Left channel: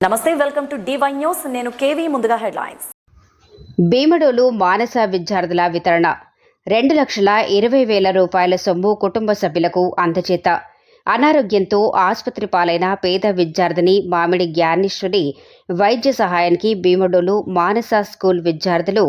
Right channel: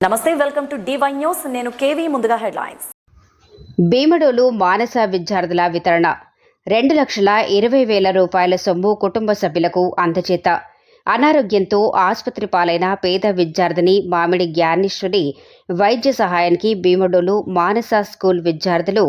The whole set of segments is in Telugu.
నమస్తే వెల్కమ్ టు డివై న్యూస్ నేను కేవీ ముందుగా హెడ్లైన్స్. భీమడోలు మానస విద్యార్థుల వితరణ. రెండు లక్షల ఇరవై వేల రూపాయల సొమ్ము కుటుంబ సభ్యులకు అందచేత అనారోగ్యంతో ఆసుపత్రి పాలైన పేద విద్యార్థిని మామిడి జ్ఞానేశ్వరి వైద్య సహాయానికి భీమడోలు మానస స్కూల్ విద్యార్థులు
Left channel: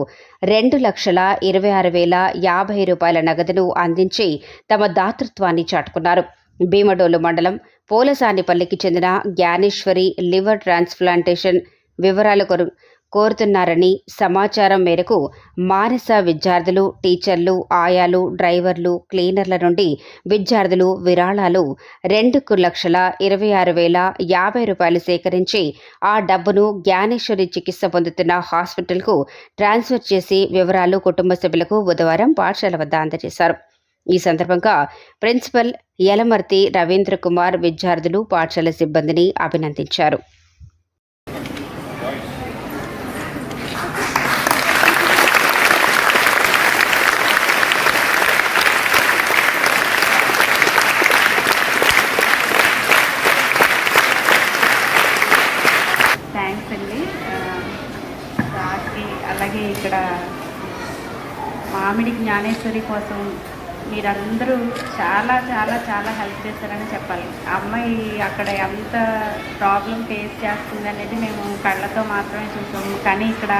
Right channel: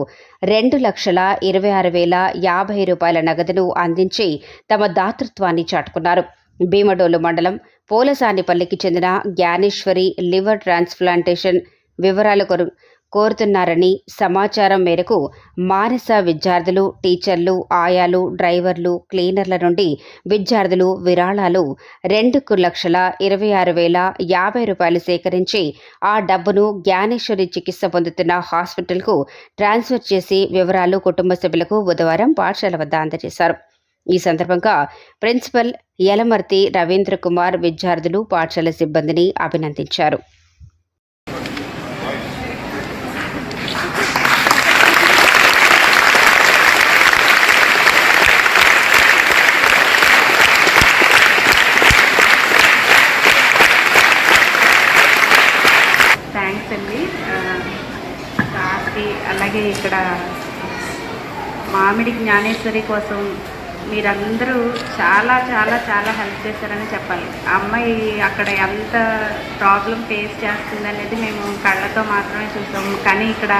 రెండు లక్షల ఇరవై ఆరు వేల యాభై రూపాయల నగదును అందించి తమ దాతృత్వాన్ని చాటుకున్నారు. భీమడోలు మండలం పోలసానిపల్లికి చెందిన జ్ఞానేశ్వరి లివర్ ట్రాన్స్ప్లాంటేషన్ వివరాలు కొరు కోరుతున్నారని సమాచారం మేరకు మానస విద్యార్థులు టీచర్లు ఆయాలు డ్రైవర్లు క్లీనర్ల నుండి విద్యార్థులు విరాళాలు రెండు లక్షల ఇరవై ఆరు వేల యాభై రూపాయలు సేకరించి ఆ డబ్బును జ్ఞానేశ్వరి చికిత్స పొందుతున్న హాస్పిటల్కు ట్రాన్స్ఫర్ చేసి వివరాలు కుటుంబ సభ్యులకు బుధవారం పాఠశాల వద్ద అందజేశారు. ఈ సందర్భంగా ప్రిన్సిపల్ యలమర్తి రవీంద్ర కుమార్ విద్యార్థులు పాఠశాల సిబ్బందిని అభినందించారు. థ్యాంక్స్ అండి. రాత్రి అలాగే ఇక్కడ మామిడి జ్ఞానేశ్వరి కోసం మీరందరూ చాలా చాలా చాలా హెల్ప్ చేశారని చెప్పాలి. ఆ అమ్మాయి అక్కడ ఎంత ప్రాబ్లం ఫేస్ చేస్తుందనేది మేము కళ్ళతో మాత్రమే చూసాము. కానీ ఇక్కడ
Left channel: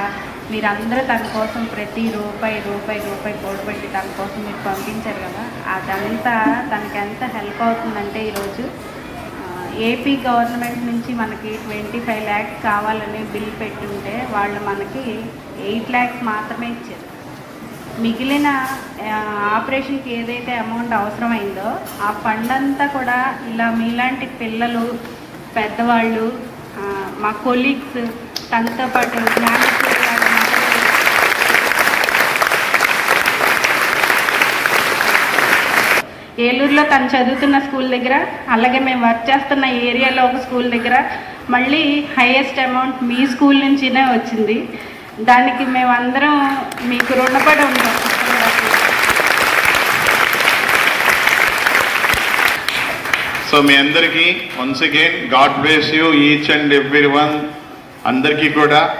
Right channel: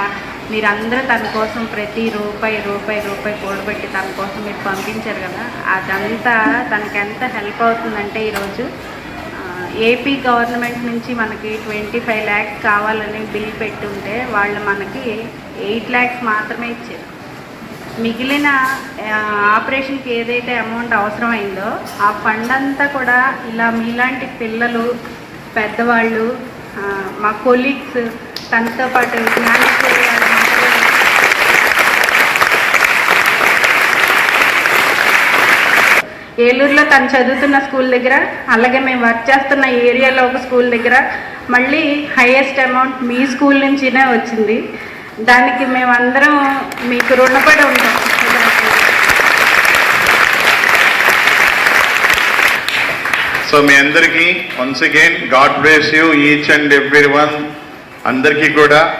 మీరందరూ తన కోసం ప్రతి రూపాయి రూపాయి రూపాయి కూడబెట్టి తన కోసం మీరు పంపించారు కదా అదంతా తనకి ఎంత హెల్ప్ అవుతుందంటే ఈరోజు ఏపీ గవర్నమెంట్ నుంచి మనకి ట్వంటీ ఫైవ్ ల్యాక్స్ కావాలని బిల్ పెట్టుంటే వాళ్ళు మనకి ఎయిట్ ల్యాక్స్ మాత్రమే ఇచ్చారు. మిగిలిన ఆపరేషన్కి ఏదైతే అమౌంట్ అవసరమైందో ఆ ఫండ్ అంతా కూడా ఇలా మీలాంటి పిల్లలు పెద్దవాళ్ళు మా కొలీగ్స్ తనతో పాటు ఏలూరులో తను చదువుతున్న స్కూల్ దగ్గర అలాగే మేము వర్క్ చేస్తున్న ఏరియాలో ఒక స్కూల్ దగ్గర మళ్ళీ హైయెస్ట్ అమౌంట్ మీ స్కూల్ నుంచినే వచ్చింది. దానికి మేమందరం మీకు రుణపడి ఉంటాం. సో మీ అందరికీ once again God bless you each and every one అందరికీ కూడా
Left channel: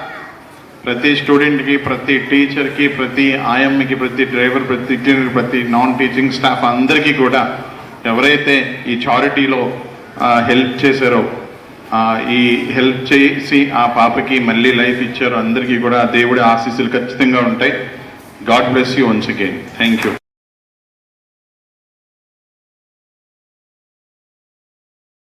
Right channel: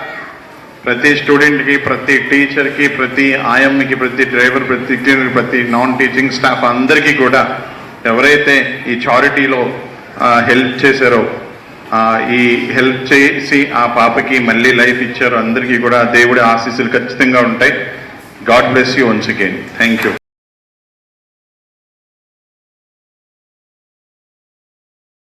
ప్రతి స్టూడెంట్కి ప్రతి టీచర్కి ప్రతి ఆయమ్మకి ప్రతి డ్రైవర్ ప్రతి cleaner, ప్రతి నాన్ టీచింగ్ స్టాఫ్ అందరికీ కూడా ఎవరైతే ఈ చారిటీలో హెల్ప్ చేశారో ఈ హెల్ప్ చేసి ఆ పాపకి మళ్ళీ లైఫ్ ఇచ్చారు. అందరికీ కూడా దేవుడి ఆశీస్సులు ఖచ్చితంగా ఉంటాయి. God bless you once again thank you